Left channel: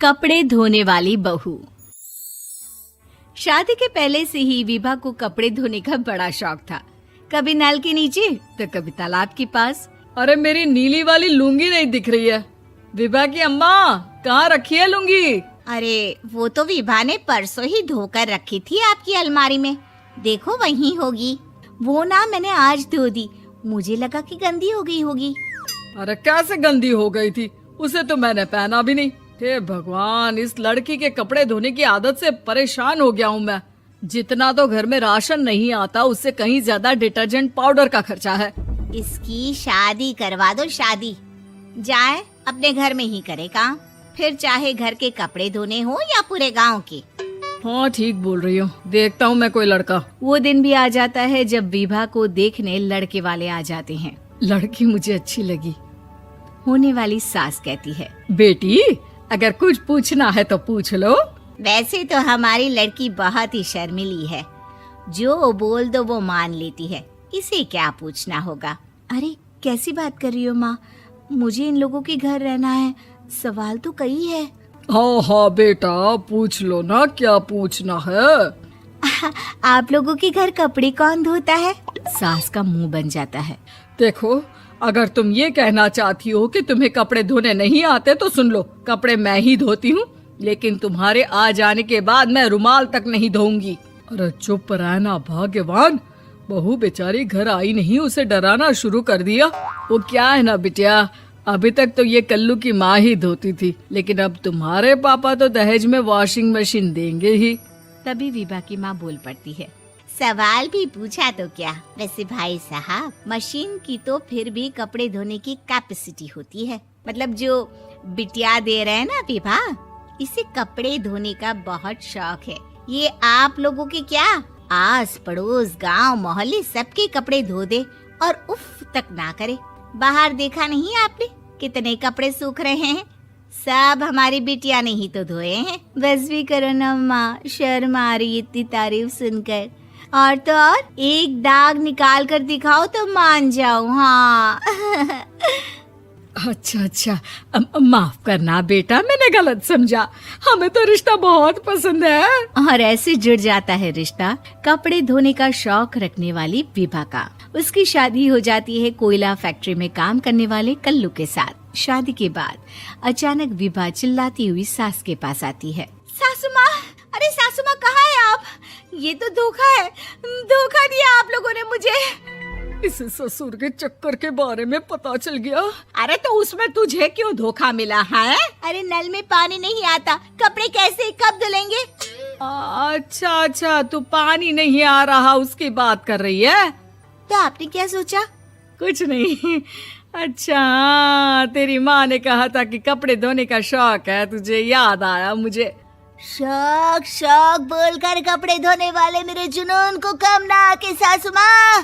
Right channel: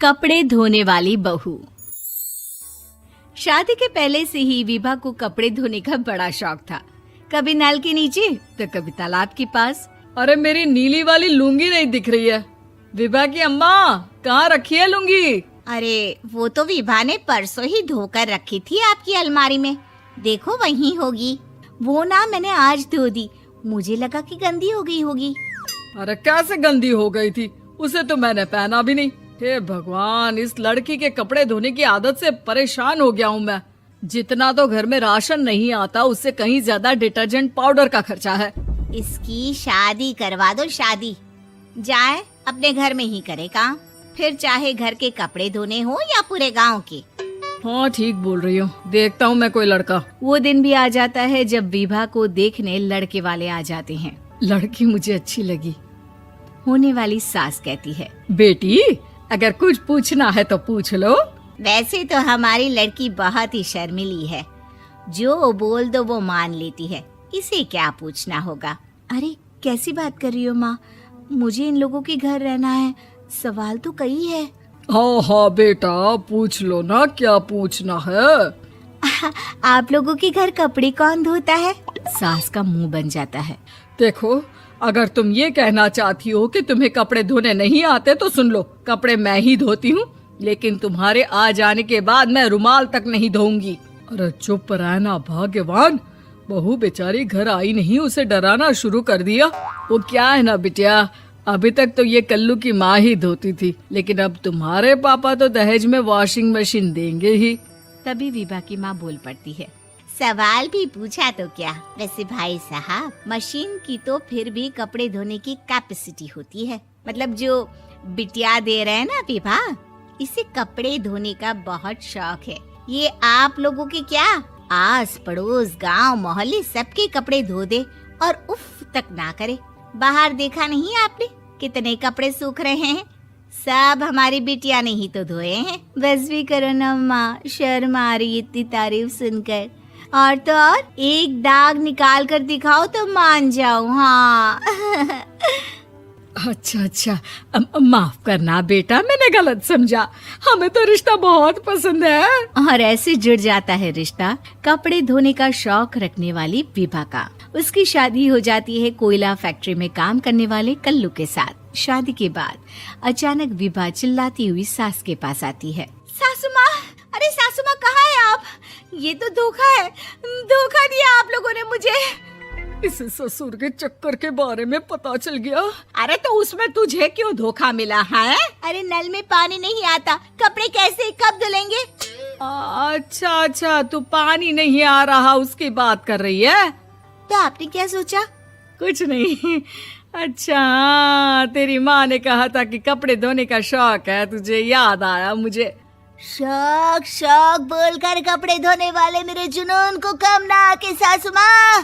कपड़े धोने वाली बहू। शादी के पहले से ही विभा को कपड़े धोने का बड़ा शौक था। कभी नल के नीचे तो कभी तालाब के पास। अरे मेरी नीली वाली लुंगी नहीं दिख रही है। विभा की अम्मा, कहाँ रखी है लुंगी? अरे वो तो विभा ने परसों ही धोकर रखी थी आपकी अलमारी में, देखो वहीं होगी। वो ना मैंने आज धो दी, मुझे लगा कि गंदी हो गई होगी। अरे कैसे गंदी हो गई थी, उसे तो मैंने पहना भी नहीं। हे भगवान, इस लड़की के कपड़े धोने की आदत से परेशान हो गया हूँ मैं। जितना तो घर में राशन नहीं आता, उससे कहीं ज्यादा डिटर्जेंट पाउडर का खर्चा है। इसकी शादी करवा दो, शादी। जाए अपने घर में ही करे काम, फिर चाहे घर के कपड़े धोने हो या पूरे गांव के। हाँ ठीक बोल रही हूँ, देखता हूँ मैं कोई लड़का। वो दिन भी आ जाता है जब विभा को देखने लड़के वाले आ जाते हैं। लड़की मुझे अच्छी लगी। होने वाली सास कहती है, बेटी अगर कुछ पूछना है तो पूछ लो। वैसे तो हमारी लड़की बहुत ही शर्मीली है, जो बोल दो वो मान लेती है, इसे क्या पूछना होगा। अरे कैसी बात कर रही हो माँ, मुझे इन लोगों के घर रहना है, सवाल तो कई है। हाँ हाँ बेटा, पूछ लो ना, क्या पूछना है। आप लोगों के घर कपड़े कौन धोता है? सास का मुंह बन जाता है। देखो, अगर तुम ये कहना चाहती हो कि तुम्हें कपड़े धोने नहीं आते तो सुन लो, कपड़े मैं ही धोती हूँ, लेकिन तुम्हारे आ जाने के बाद मैं रुमाल तक नहीं धोऊंगी। अरे चुप रहना भाग्यवान, बहू बेचारी घर आई नहीं, उसे डराना शुरू कर दिया। वो क्या है ना बिटिया, अभी तक तो ये कल्लू की माँ ही धोती थी, लेकिन अब तुम्हारे पापा तो दहेज में वॉशिंग मशीन देंगे ही। तभी विभा की माँ बोल पड़ती है, सवाल भी पूछा तो क्या। वैसे भाई साहब, मशीन की तो फिर भी कपड़े धोने की कैपेसिटी होती है। मतलब जो बिटिया दे रहे हैं ना विभा, इसे कपड़े धोने का बहुत शौक है। ये आप लोगों के क्या, आस पड़ोस गांव मोहल्ले सबके कपड़े धो दे और उफ तक ना करे। बाहर देखा नहीं आपने कितने कपड़े सूख रहे हैं? सब हमारी बिटिया ने ही तो धोए हैं। बस भी करो ना माँ, शर्म आ रही है इतनी तारीफ सुनकर। और तो और एक दाग निकाल कर दिखाओ तो मान जाऊं। हाँ अच्छा, माफ करना बेटा, मैंने गलत समझा। हमें तो रिश्ता बहुत पसंद है। और ऐसे जुड़ जाता है रिश्ता कपड़े धोने का शौक रखने वाली विभा का। उसकी शादी हो जाती है कोयला फैक्ट्री में काम करने वाले कल्लू के साथ। शादी के बाद अचानक विभा चिल्लाती हुई सास के पास आती है, सासू माँ, अरे सासू माँ कहाँ है आप? ये तो धोखा है, धोखा दिया आप लोगों ने मुझे। इस ससुर के चक्कर के बारे में पता चल गया। अरे तो उसमें तुझे क्यों धोखा मिला है? अरे नल में पानी नहीं आता, कपड़े कैसे कब धुलेंगे? अच्छा, तो पानी नहीं आ रहा उसकी बात कर रही है। तो आपने क्या सोचा? कुछ नहीं। अच्छा, तेरी माँ ने कहा था कि कपड़े धोने का शौक है, तुझे याद आया मुझे। शौक बोलकर कपड़े धोने वाले मेरे जुनून को कम ना कि सासू माँ,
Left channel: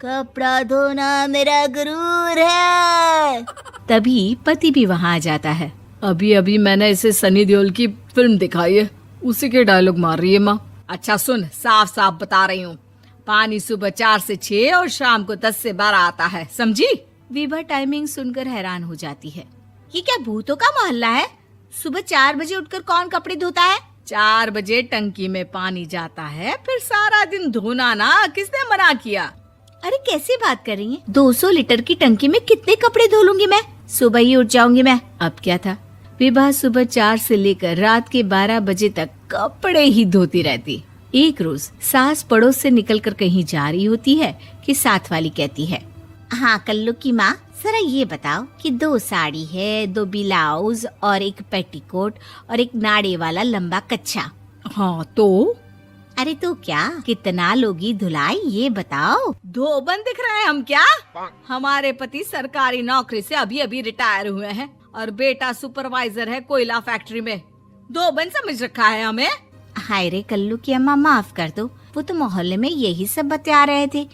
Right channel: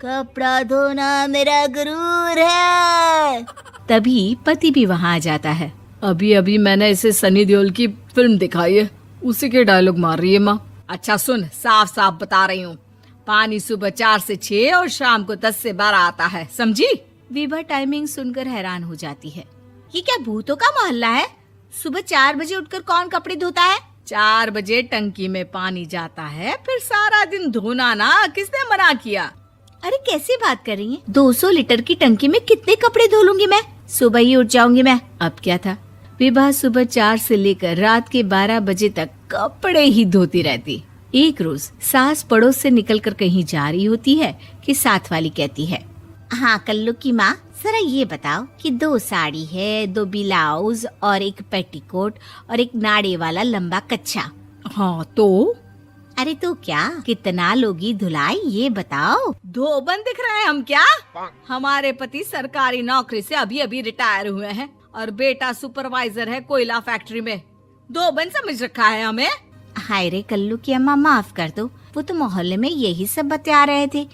कपड़ा धोना मेरा गुरूर है। तभी पति भी वहाँ आ जाता है। अभी मैंने इसे सनी देओल की फिल्म दिखाई है, उसी के डायलॉग मार रही है माँ। अच्छा सुन, साफ बता रही हूँ, पानी सुबह 4 से 6 और शाम को 10 से 12 आता है, समझी? विभा टाइमिंग सुनकर हैरान हो जाती है। ये क्या भूतों का मोहल्ला है? सुबह 4 बजे उठकर कौन कपड़े धोता है? 4 बजे टंकी में पानी जाता है, फिर सारा दिन धोना ना, किसने मना किया? अरे कैसी बात कर रही हैं? 200 लीटर की टंकी में कितने कपड़े धो लूंगी मैं? सुबह ही उठ जाऊंगी मैं। अब क्या था, विभा सुबह 4 से लेकर रात के 12 बजे तक कपड़े ही धोती रहती। एक रोज सास पड़ोस से निकलकर कहीं जा रही होती है कि साथ वाली कहती है, हाँ कल्लू की माँ, जरा ये बताओ कि 2 साड़ी है, 2 ब्लाउज और एक पेटीकोट और एक नाड़े वाला लंबा कच्छा। हाँ तो? अरे तो क्या, कितना लोगी धुलाई ये बताओ। धोबन दिख रहे हैं हम क्या? हमारे पति सरकारी नौकरी से अभी रिटायर हुए हैं और बेटा सुपरवाइजर है कोयला फैक्ट्री में। धोबन समझ रखा है हमें। हाय रे कल्लू की अम्मा, माफ कर दो, वो तो मोहल्ले में यही सब बता रहे थे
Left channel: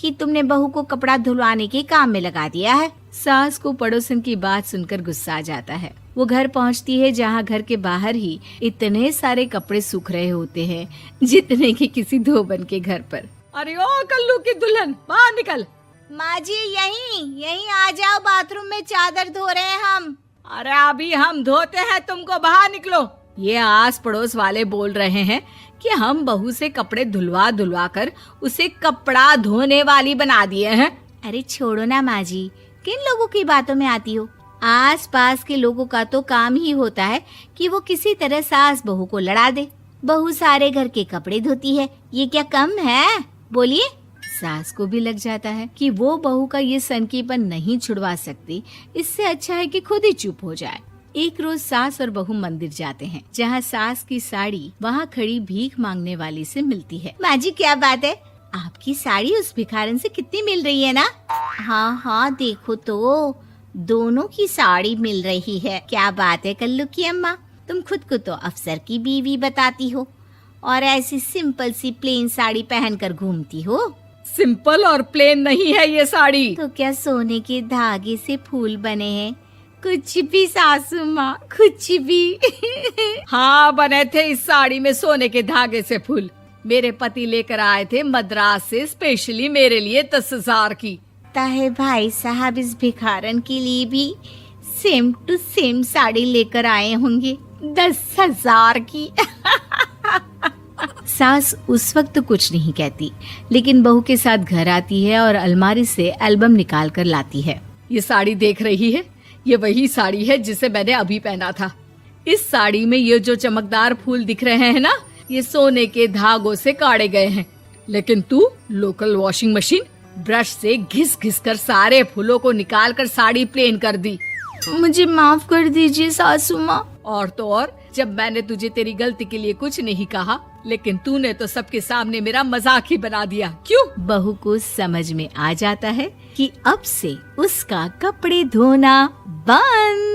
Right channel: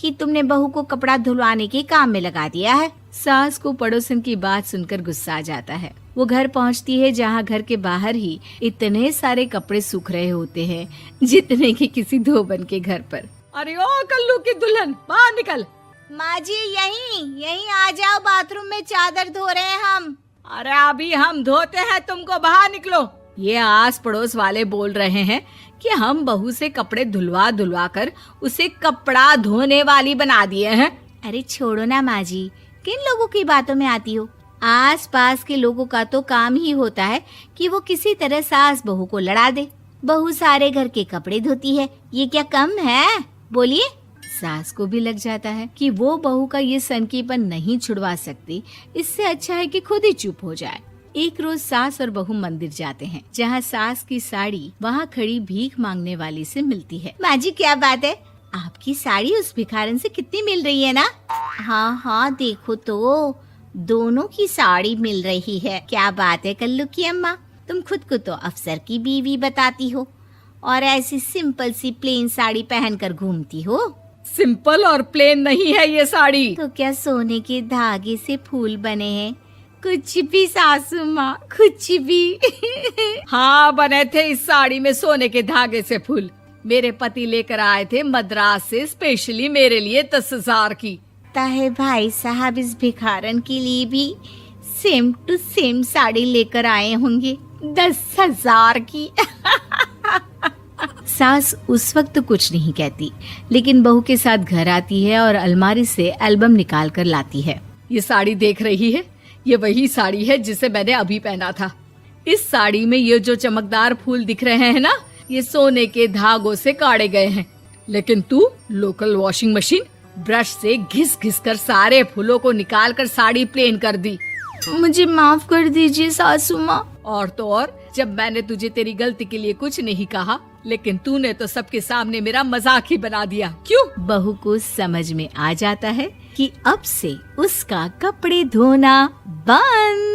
कि तुमने बहू को कपड़ा धुलवाने के काम में लगा दिया है। सास को पड़ोसन की बात सुनकर गुस्सा आ जाता है। वो घर पहुंचती है जहां घर के बाहर ही इतने सारे कपड़े सूख रहे होते हैं जितने कि किसी धोबन के घर पर। अरे ओ कल्लू की दुल्हन, बाहर निकल। माँ जी यहीं आ जाओ, बाथरूम में चादर धो रहे हैं हम। अरे अभी हम धोते हैं, तुमको बाहर निकलो। ये आस पड़ोस वाले बोल रहे हैं कि हम बहू से कपड़े धुलवा धुलवा कर उसे कपड़ा धोने वाली बना दिए हैं। अरे छोड़ो ना माँ जी, किन लोगों की बातों में आती हो। आस पास के लोगों का तो काम ही होता है कि वो किसी तरह सास बहू को लड़ा दे। बहू सारे घर के कपड़े धोती है, ये क्या कम है? बोलिए। सास को भी लग जाता है कि वो बहू का ये सनकीपन नहीं छुड़वा सकती, इससे अच्छा है कि खुद ही चुप हो जाए। एक रोज सास और बहू मंदिर जाते हैं, जहाँ सास की साड़ी वहाँ खड़ी भीख मांगने वाली से मिलती है। माँ जी क्या बात है, आपकी साड़ी उस भिखारन से कितनी मिल रही है ना? हाँ हाँ देखो तो, दोनों की साड़ी मिल रही है। क्या बात है कल्लू की अम्मा, तुम खुद को तो अफसर की बीवी बताती हो और ऐसी सिंपल सी प्लेन साड़ी पहनकर घूमती हो। सिंपल और प्लेन नहीं है ये साड़ी। तो क्या सोने के धागे से फूल बने हैं? कुछ भी सासू माँ, कुछ भी। हाँ बने थे इस साड़ी में सोने के धागे से फूल। मेरे पति लेकर आए थे मद्रास से स्पेशली मेरे लिए 10,000 की। ताहे भाई साहब इस भिखारन के लिए भी सेम टू सेम साड़ी लेकर आए होंगे 10,000 की। सास उस वक्त कुछ नहीं कहती, लेकिन बहू के साथ घर आती है और अलमारी से एल्बम निकाल कर लाती है। ये साड़ी देख रही है, ये वही साड़ी है जिसे मैंने अभी पहना था। इस साड़ी में ये जो चमकदार फूल दिख रहे हैं ना, ये सोने के धागों से काटे गए हैं। लेकिन तू लोकल वॉशिंग मशीन ब्रश से घिस घिस कर सारे फूलों को निकाल कर साड़ी प्लेन कर दी। मुझे माफ कर दीजिए सासू माँ। और तो और, जब मैंने तुझे तेरी गलती के लिए कुछ नहीं कहा, लेकिन तूने तो सबके सामने मेरा मजाक ही बना दिया। क्यों? बहू को समझ में आ जाता है कि अब से उसका कपड़े धोना बंद।